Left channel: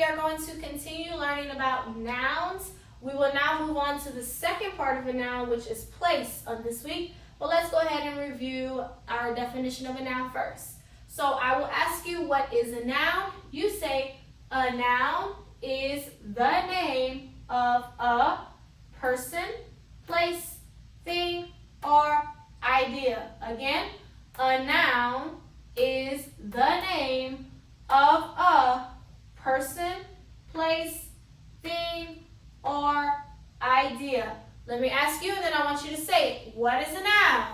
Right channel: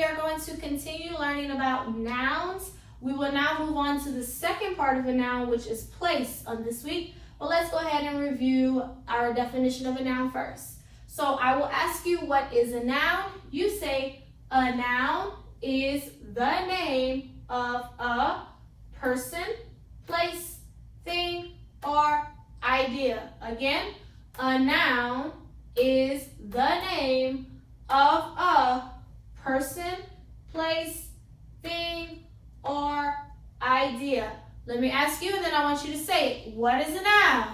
we are going to continue learning about nouns. We will now move on to the second part of a noun, which is place on this week. But let's go ahead and review our definition of a noun first. So I will ask you, what is a noun? You say a noun is the name of a person, place, thing, or idea. Again, a noun is the name of a person, place, thing, or idea. Let me ask you, and then I want you to say it. What is a noun?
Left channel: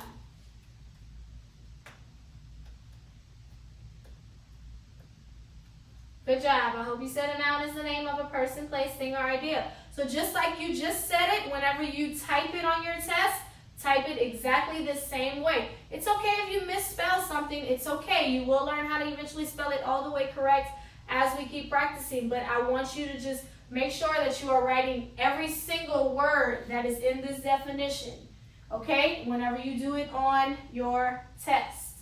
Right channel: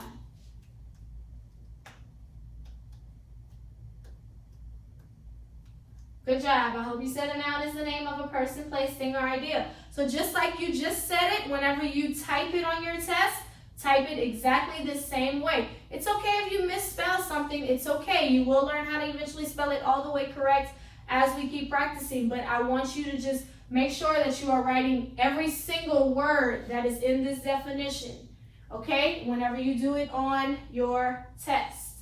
Good job. I hope you said a noun is the name of a person, place, thing, or idea. So just like you just said it, whenever you type it on your test, type it exactly the same way. It's okay if you misspell something. It's okay. You will learn how to eventually spell it all the way correct as we keep practicing. But I want you to just make sure that you are writing every single word that is in this definition, okay, whenever you do it on your test.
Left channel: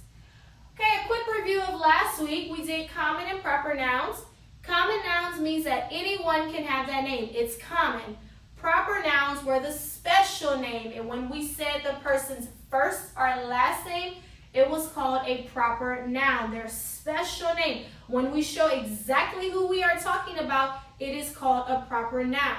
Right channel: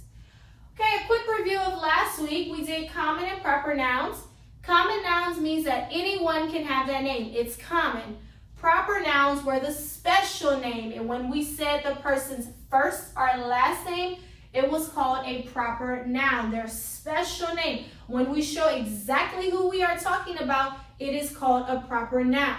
Okay, a quick review of last week. We did common and proper nouns. Common nouns means that anyone can have that name. It's common. Proper nouns were the special name, and when we said the person's first or last name, it was called a proper noun, their special name. When we show exactly who we are talking about, it is called a proper noun.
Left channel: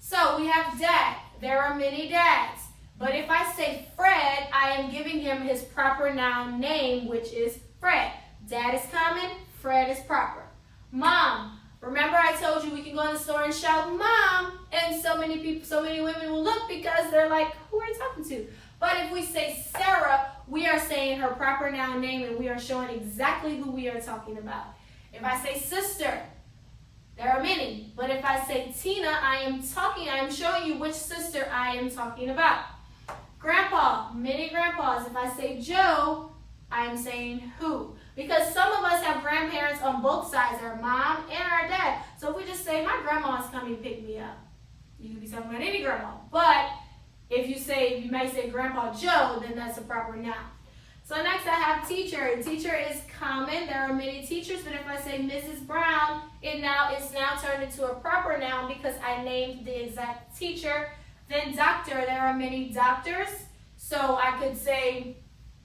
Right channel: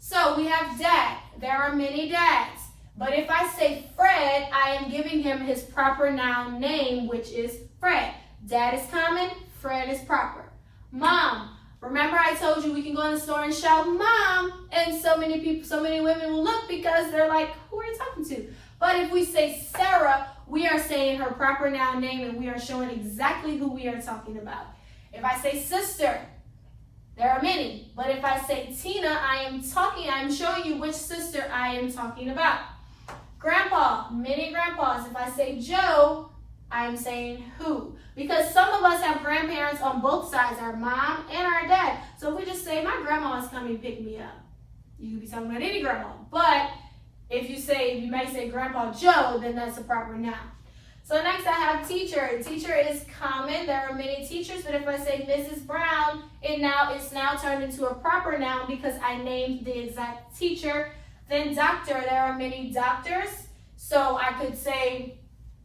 So we have dad. There are many dads. But if I say Fred, I am giving him his proper noun name, which is Fred. Dad is common, Fred is proper. Mom. Remember I told you we can go in the store and shout, Mom, and so many people, so many women will look because they're like, who are you talking to? But if we say Sarah, we are saying her proper noun name and we are showing exactly who we are talking about. If I say sister, there are many. But if I say Tina, I am showing you which sister I am talking about. Grandpa, many grandpas. If I say Joe, I am saying who. Because some of us have grandparents on both sides, our mom and our dad. So if we just say, my grandma's coming to pick me up, you can be talking about any grandma. But if you may say Grandpa Joe, then that's a proper noun. So next I have teacher. Teacher is common. There are many teachers, but if I say Mrs. Brown, it's now turned into a proper noun because I named the exact teacher. Then doctor, there are many doctors. So I could say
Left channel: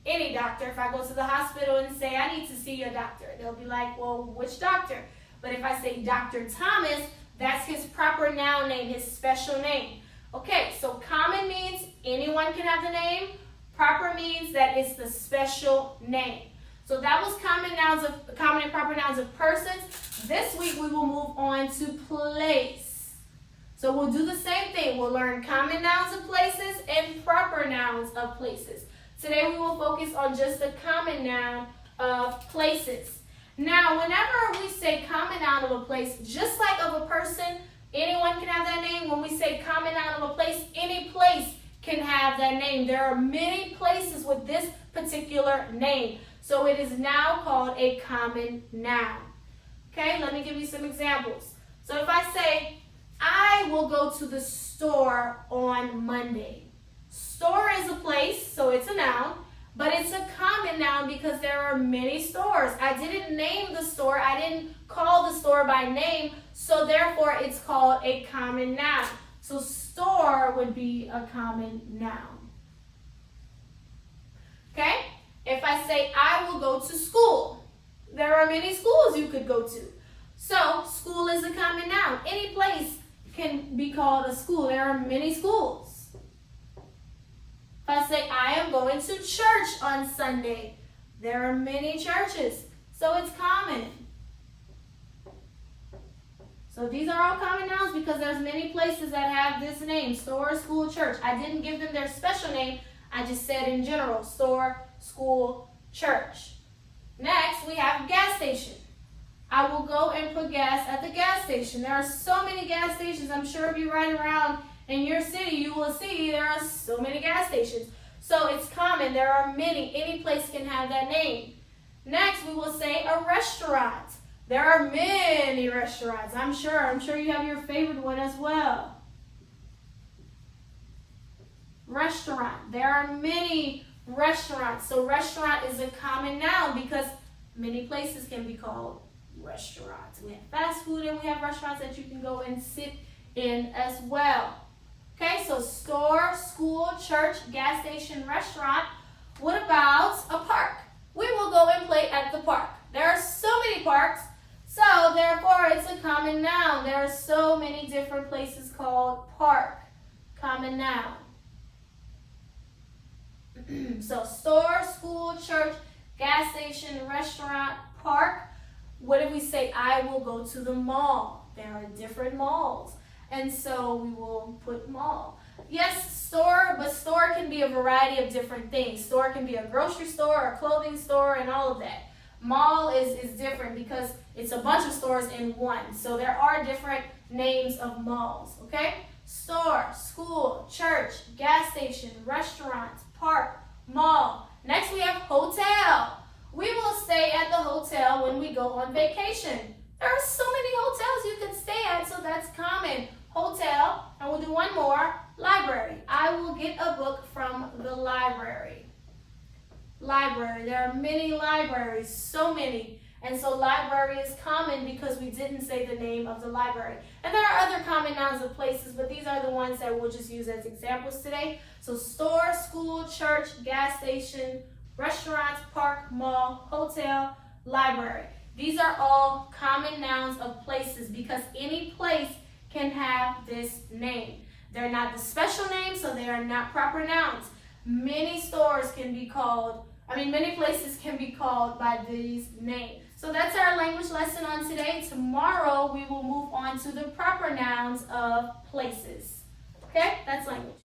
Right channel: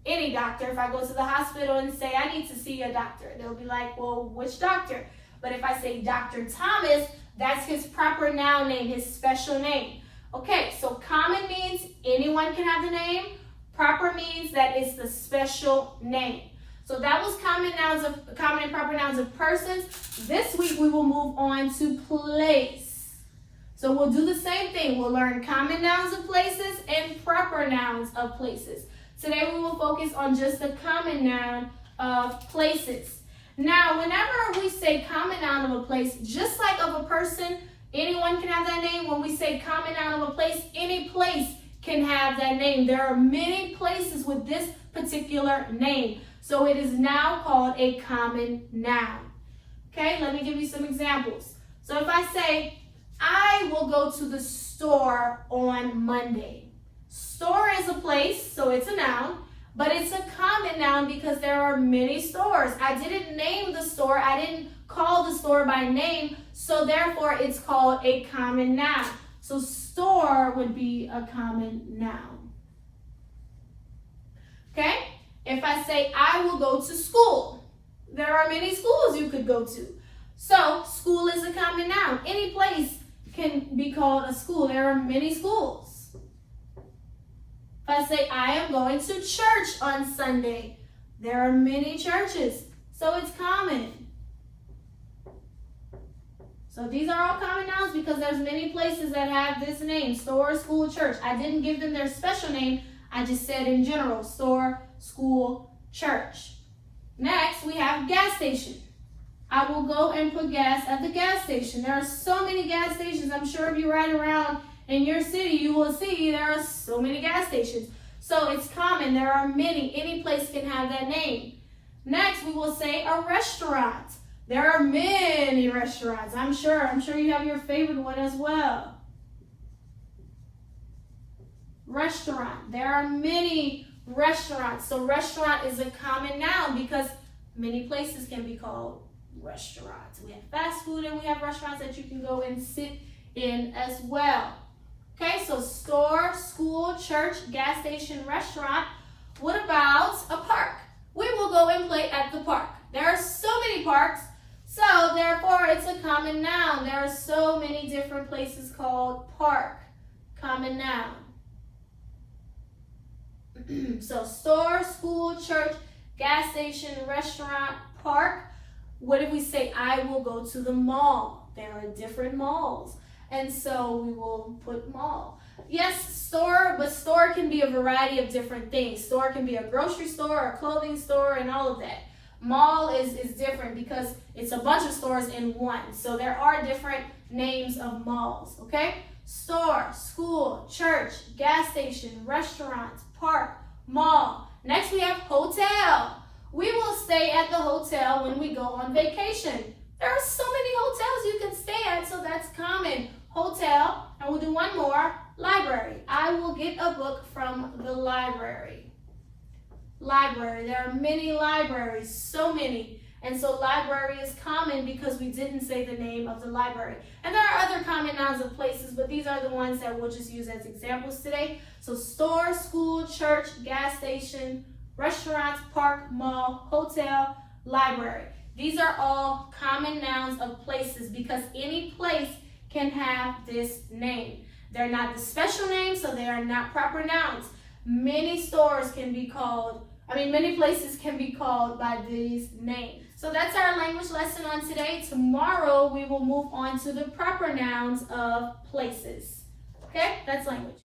any doctor. If I go to the hospital and say, I need to see a doctor, they'll be like, well, which doctor? But if I say Dr. Thomas, that's his proper noun name, his special name. Okay, so common means anyone can have the name. Proper means that it's the special name. So that was common and proper nouns of persons. This week we will move on to place. So we'll do the same thing. We'll learn common nouns of places and proper nouns of places. Today we will focus on just the common noun of places. Now, whenever we say common noun of a place, just like of a person, anyone can have that name. When we say common noun of a place, any place can have that name. There are many places with this particular name. So it is now called a common noun. Okay, let me give you some examples. So if I say, I will go to the store on Monday. Store is a place, so it's a noun, but it's a common noun because there are many stores. I didn't name the store. I didn't call the store by name, so therefore it's called a common noun. So store would be a common noun. Okay? If I say, I will go to school, there are many schools you could go to. So school is a common noun. Any place can be called a school. There are many schools. If I say, I am going to church on Sunday, there are many churches. So it's common. So these are all common nouns because there's many places that have this name, store, school, church. I didn't give them their special name. I just said in general, store, school, church. Next, we have gas station. I will go and put gas at the gas station. There are so many gas stations. I'm sure if you ride around in your city, you will see there are so many gas stations. So it's common. There are many. Any place can have that name. Next, we will say a restaurant. There are many restaurants. I'm sure you have your favorite one as well. Restaurant. There are many restaurants. So restaurant is a common noun because many places can be called restaurants. We have fast food and we have restaurants that you can go and sit in as well. Okay, so store, school, church, gas station, restaurant. What about a park? We will go and play at the park. There are so many parks, so therefore it's a common noun. There are so many different places called park. Common noun. So store, school, church, gas station, restaurant, park. What if we say, I will go to the mall? There are different malls. And so we will put mall. Yes, store, but store can be a variety of different things. Store can be a grocery store, a clothing store, and all of that. Mall is different because it's a bunch of stores in one. So there are different names of malls, okay? Store, school, church, gas station, restaurant, park, mall. Next we have hotel. We will stay at the hotel when we go on vacation. There are so many hotels you can stay at, so that's common. Hotel, and we'll do one more, library. I will get a book from the library. Library, there are many libraries, so many. And so library is common because we didn't say the name of the library. And there are other common nouns of places, but these are the ones that we'll just use as examples today. So store, school, church, gas station, restaurant, park, mall, hotel, library. These are all common nouns of places because any place can have this name. They're not the special name, so they are not proper nouns. Many stores can be called, many places can be called by these names. So that's our language lesson on today. Tomorrow we will move on to the proper nouns of places. Okay, that's language.